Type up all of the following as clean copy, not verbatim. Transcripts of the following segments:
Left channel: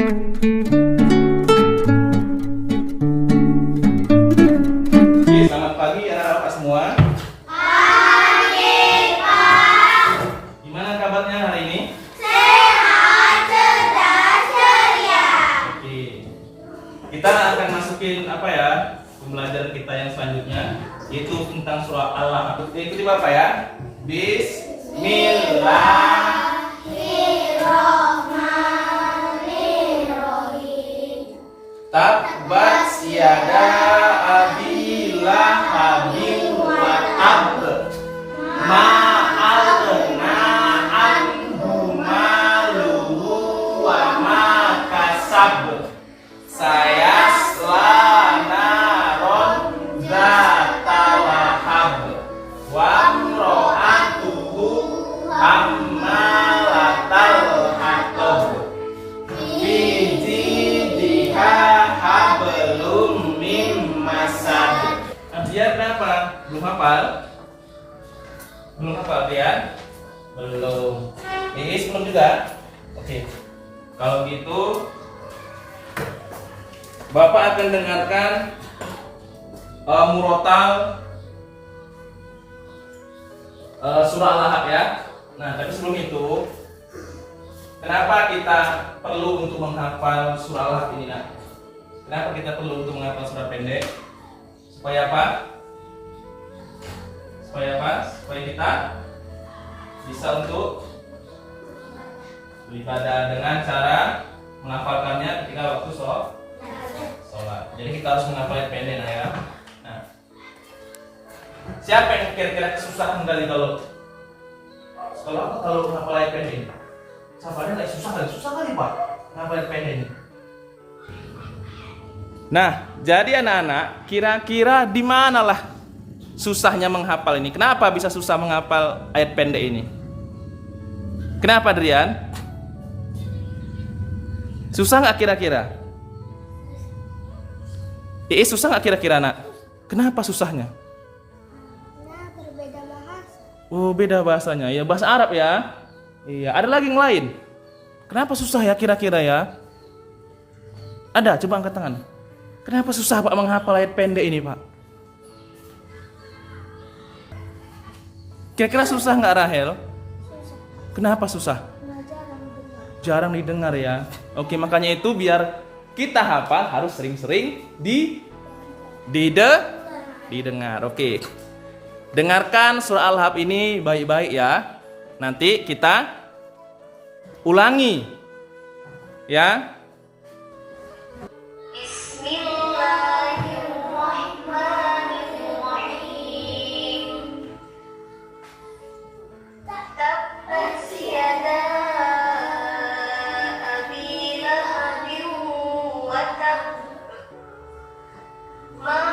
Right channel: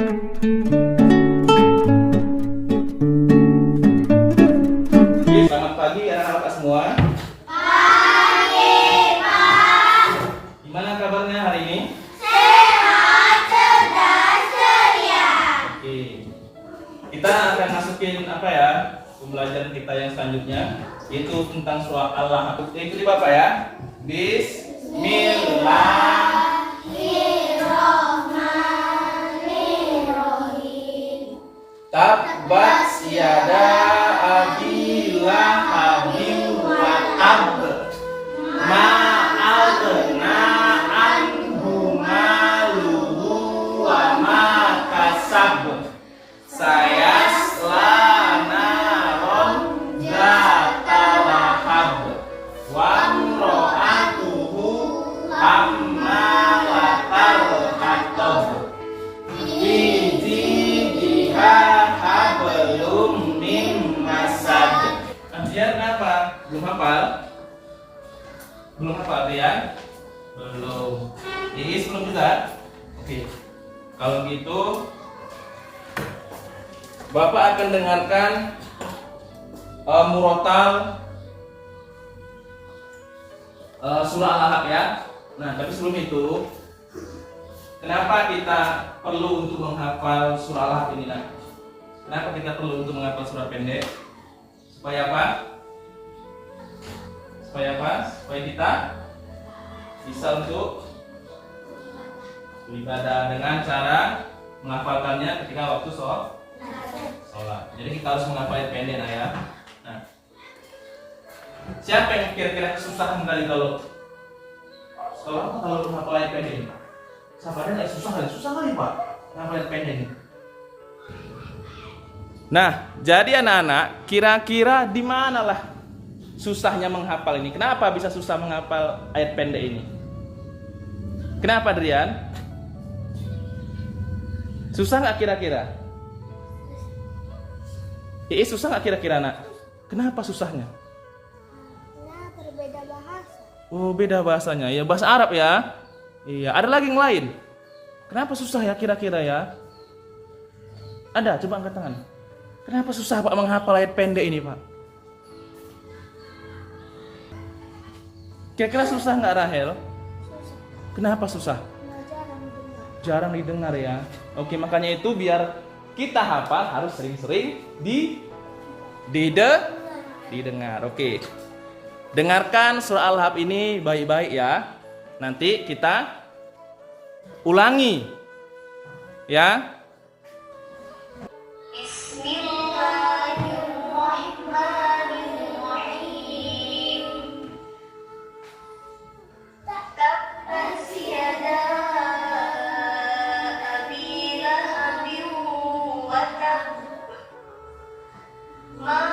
Selamat pagi anak-anak semua. Pagi, Pak. Gimana kabarnya hari ini? Sehat, cerdas, ceria. Oke. Kita akan masukin apa ya? Pembelajaran kita yang selanjutnya, yaitu tentang surah Allah. Ikuti Bapak ya. Bismillahirrahmanirrahim. Tabbat yada abi lahabin wa tab. Ma aghna anhu maluhu wa ma kasab. Sayasla naron zata lahab. Wa imra'atuhu hammalatal hatab. Fi jidha hablum min masad. Dia kenapa? Belum hafal? Belum hafal dia? Belum. Ini belum juga? Oke. Kalau gitu Bapak akan dengarkan murotal surah Al-Ahqaf ya. Nah, tapi sebelum itu, kenapa kita perlu untuk menghafal surah Al-Ahqaf ini, nak? Kenapa kita perlu untuk menghafal surah pendek? Supaya apa? Supaya apa? Supaya kita bisa untuk beribadah dengan cara menghafalkannya ketika waktu sholat. Jadi kita harus menghafal ayat pendek, nah ya. Nah, siapa yang kira-kira kesusahan kali kalau menghafal ayat pendek? Sabarnya lagi susah kali Pak menghafal ayat pendek ini. Nah, jadi anak-anak, kira-kira di manalah susahnya menghafal ini? Kenapa bisa susah menghafal ayat pendek ini? Kenapa, Drian? Susah nggak kira-kira? Susah nggak kira-kira, nak? Kenapa susahnya? Nah, berbeda bahasa. Oh, beda bahasanya. Ya, bahasa Arab ya. Iya, ada lagi yang lain. Kenapa susah ya kira-kira ya? Ada, coba angkat tangan. Kenapa susah Pak menghafal ayat pendek ini, Pak? Kira-kira susah nggak, Rahel? Susah. Kenapa susah? Nah, jarang dengar. Jarang didengar ya. Oke, makanya itu biar kita hafal harus sering-sering didengar. Oke. Dengarkan surah Al-Ahqaf ini baik-baik ya. Nanti kita ulangi. Ya. Bismillahirrahmanirrahim. Tabbat yada abi lahabin wa tab. Ma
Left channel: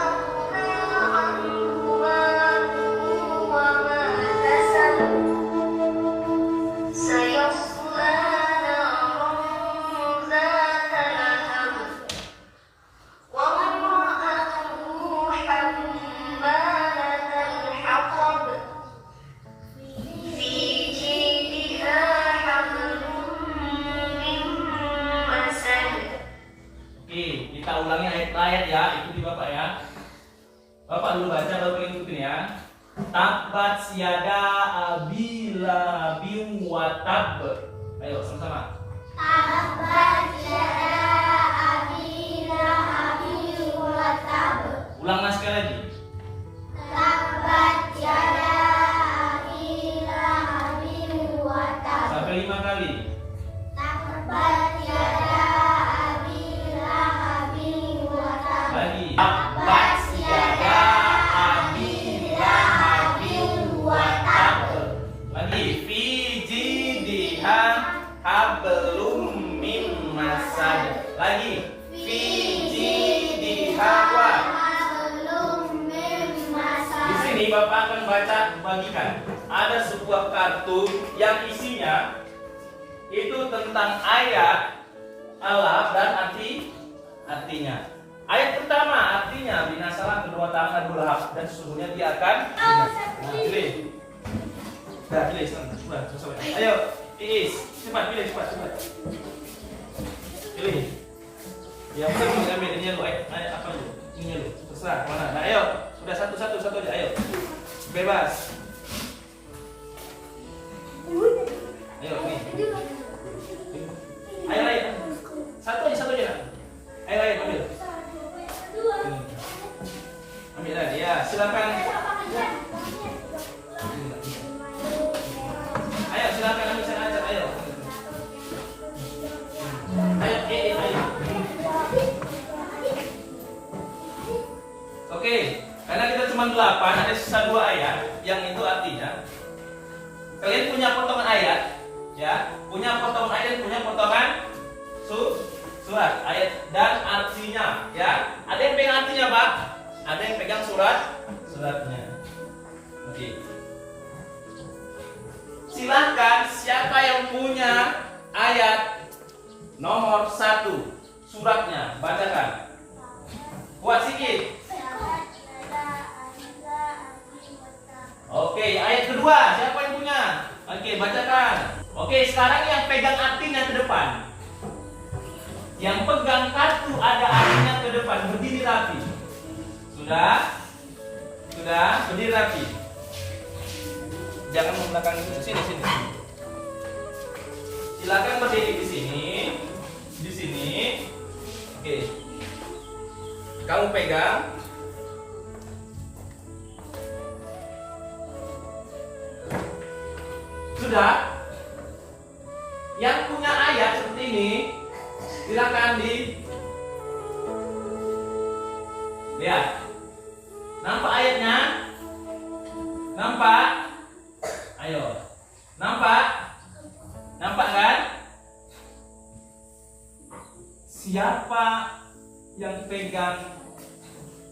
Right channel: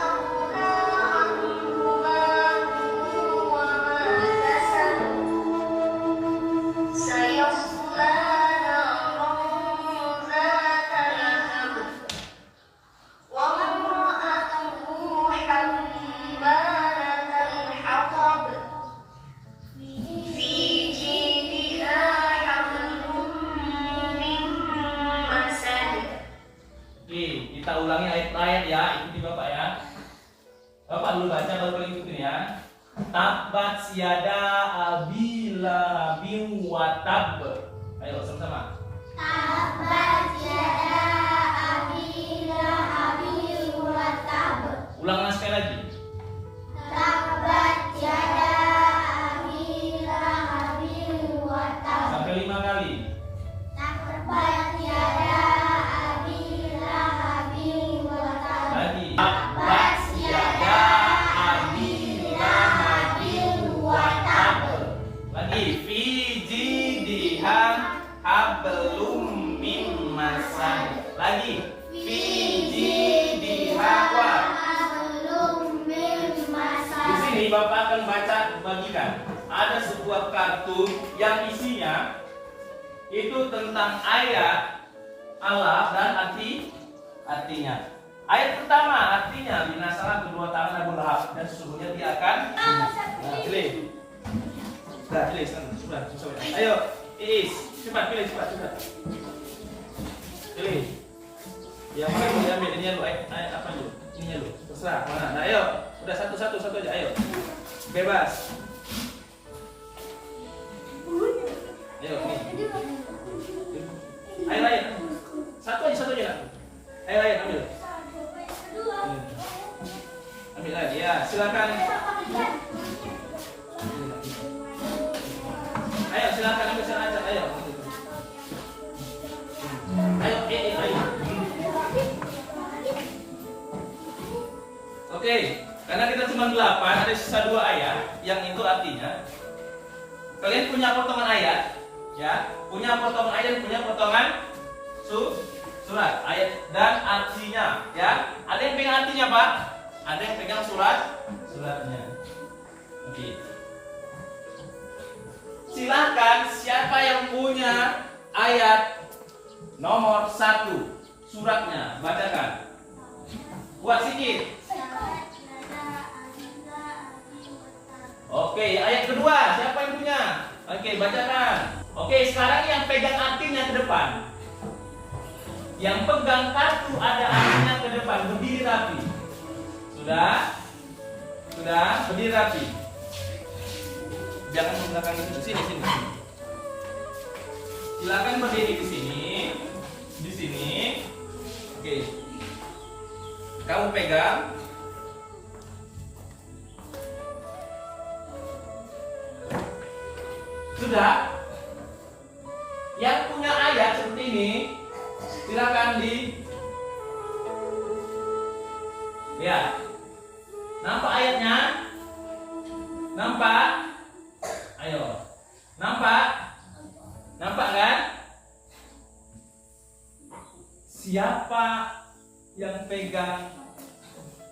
aghna anhu maluhu wa ma kasab. Sayasla naran zata lahab. Wa imra'atuhu hammalatal hatab. Fi jidha hablum min masad. Oke, kita ulangi ayat-ayat ya. Ikuti Bapak ya. Bapak dulu baca, Bapak ikutin ya. Tabbat yada abi lahabin wa tab. Ayo sama-sama. Tabbat yada abi lahabin wa tab. Ulang sekali lagi. Tabbat yada abi lahabin wa tab. Sampai 5 kali. Tabbat yada abi lahabin wa tab. Lagi. Tabbat yada abi lahabin wa tab. Lagi. Fi jidha hablum min masad. Lagi. Fi jidha wa. Hablum min masad. Di sini Bapak akan bagikan. Ada sebuah kartu yang isinya itu tentang ayat Allah dan artinya. Ayat pertama artinya binasalah kedua tangan Abu Lahab dan sesungguhnya dia akan pilih. Sudah pilih, sudah. Ayo, Iis, cepat pilih cepat. Yang mana mau diambil? Ini lu, ayat apa lu? Ini lu, terserah mana. Nah, ayo, udah satu aja, ayo. Bebas. Ayo, nih. Ayo. Satu aja. Ayo, ambil. Ambil lagi, ya, silakan. Ayo, silakan ambil sana aja, ayo. Ayo. Oke, karena kita cuma 8, ada sisa 2 ayat, yang itu artinya kalian punya potongan ayat, ya, punya potongan ayat, punya potongan surat, ayat dan artinya, ya. Ada yang pegang artinya, Pak? Ada yang pegang suratnya. Oke. Silahkan siapa yang punya ayat nomor 1 suratnya, bacakan. Kuat sikit. Oke, ayat kedua, siapa yang punya? Oke, bacakan. Oke, sekarang yang pegang artinya ke depan. Yang pegang kartu ada artinya ke depan, berdiri rapi. Sudah, berdiri rapi. Jangan membelakang itu, sini. Silakan berdiri di sini. Oke. Kamu pegang. Sudah? Yang punya ayat seperti ini, silakan lihat. Nampak ayatnya? Nampak? Ayo. Nampak? Nampak kan? Siapa yang pegang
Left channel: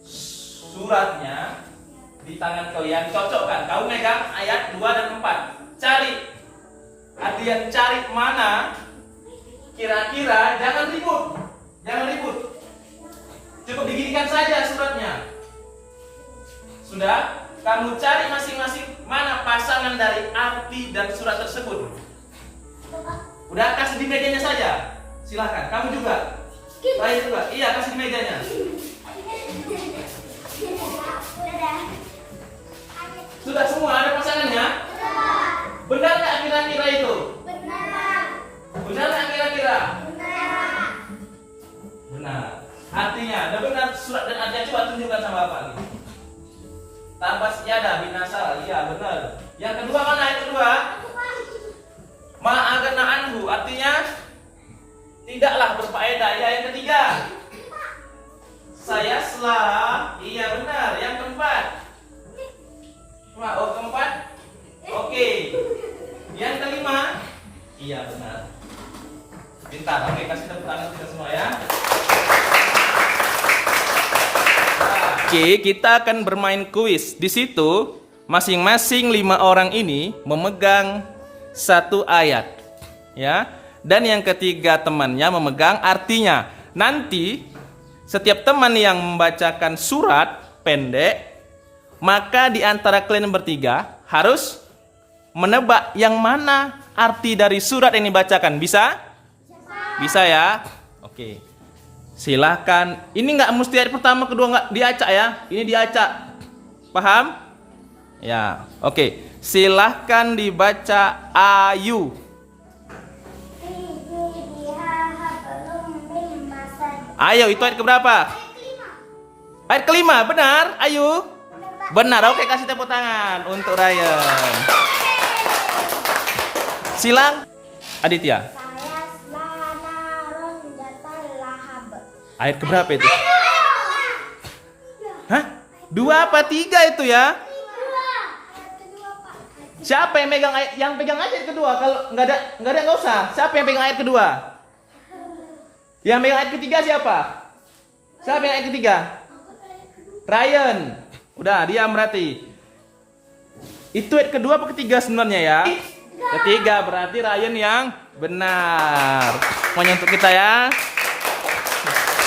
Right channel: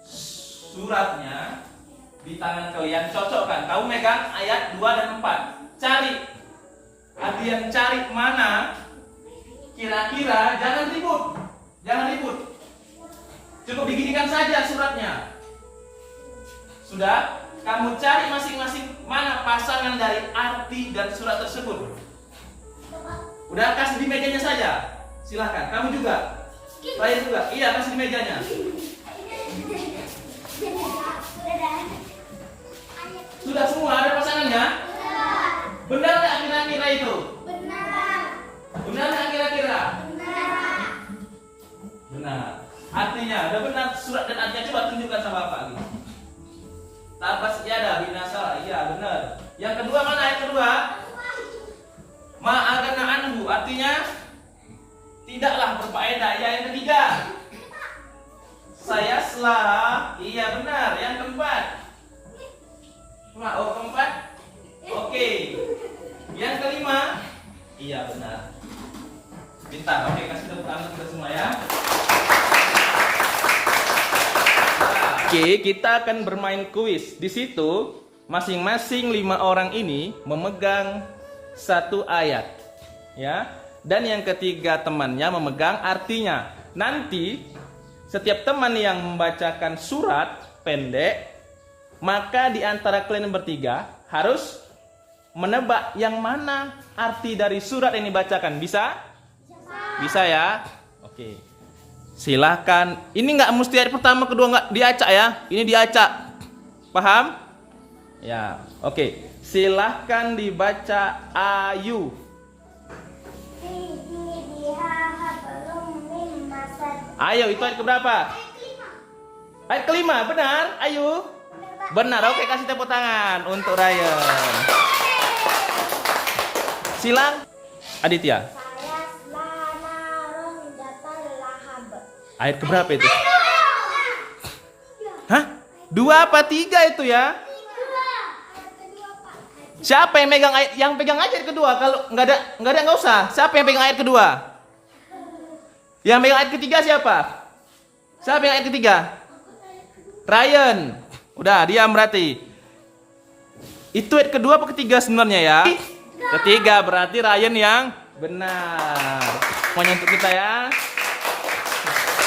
suratnya di tangan kalian, cocokkan. Kamu megang ayat 2 dan 4. Cari. Artian cari mana kira-kira, jangan ribut. Cukup diginikan saja suratnya. Sudah? Kamu cari masing-masing mana pasangan dari arti dan surat tersebut. Udah, kasih di mejanya saja. Silahkan, kamu juga. Lain juga. Iya, kasih di mejanya. Sudah semua ada pasangannya? Benar nggak kira-kira itu? Benar nggak kira-kira? Benar. Artinya, ada benar surat dan artinya, coba tunjukkan sama Bapak. Tabas iyadah binasa, iya benar. Yang kedua mana ayat kedua? Ma'agana anhu, artinya tidaklah berfaedah. Ya, yang ketiga. Saya selah, iya benar. Yang keempat. Keempat. Oke. Yang kelima, iya benar. Pintar. Oke, kasih tepuk tangan kita semua ya. Oke, kita akan bermain kuis. Di situ masing-masing 5 orang ini memegang 1 ayat, ya. Dan yang ketiga temannya memegang artinya. Nanti setiap teman yang membacakan surat pendek, maka di antara kalian bertiga harus menebak yang mana arti dari surat yang dibacakan. Bisa? Bisa ya? Oke. Silahkan. Ini nggak mesti ayat pertama, kedua nggak diacak ya. Ini diacak. Paham? Ya. Oke. Silahkan dibaca ayu. Ayo, itu ayat keberapa? Ayat kelima, benar? Ayu. Benar. Oke, kasih tepuk tangan untuk Ryan. Silang Aditya. Ayat keberapa itu? Hah? 2 apa 3 itu ya? Siapa yang megang ayat? Yang pegang ayat kedua. Kalau nggak ada nggak usah. Siapa yang pegang ayat kedua? Yang megang ayat ketiga siapa? Siapa yang ayat ketiga? Ryan. Udah, diam berarti. Itu ayat kedua apa ketiga sebenarnya ya? Ketiga, berarti Ryan yang benar. Semuanya untuk kita ya.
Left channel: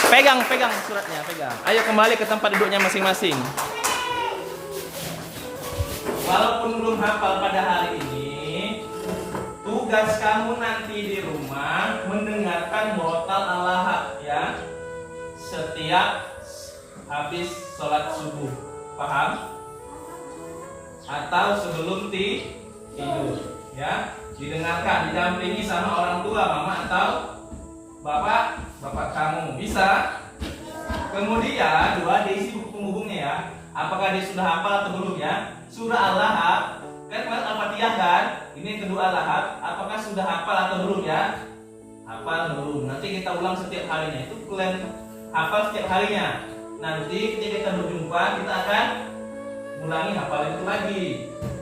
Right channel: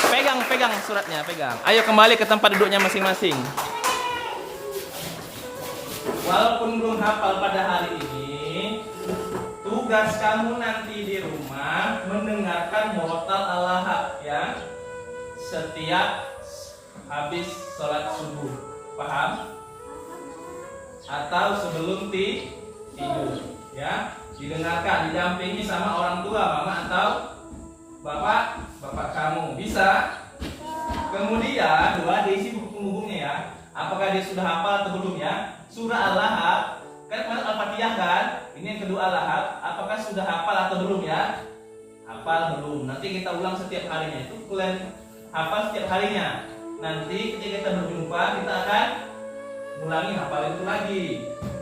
Pegang suratnya, pegang. Ayo kembali ke tempat duduknya masing-masing. Walaupun belum hafal pada hari ini, tugas kamu nanti di rumah mendengarkan murotal al-lahab ya. setiap habis sholat subuh. Paham? Atau sebelum tidur, ya. Didengarkan, didampingi sama orang tua, mama atau bapak kamu. Bisa? Kemudian dua, diisi penghubungnya ya. Apakah dia sudah hafal atau belum ya? Surah Al-Lahab, kan kemarin Al-Fatihah kan? Ini yang kedua Al-Lahab. Apakah sudah hafal atau belum ya? Hafal belum. Nanti kita ulang setiap harinya. Itu kalian hafal setiap harinya. Nanti ketika kita berjumpa, kita akan ulangi hafal itu lagi.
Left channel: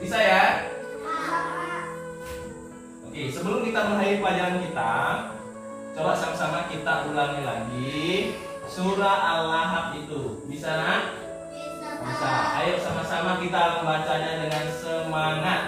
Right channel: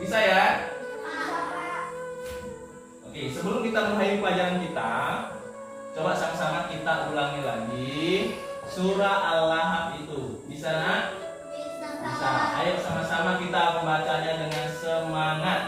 Bisa ya? Oke, sebelum kita mengakhiri pelajaran kita, coba sama-sama kita ulangi lagi surah Al-Lahab itu. Bisa nak? Bisa. Ayo sama-sama kita akan bacanya dengan semangat.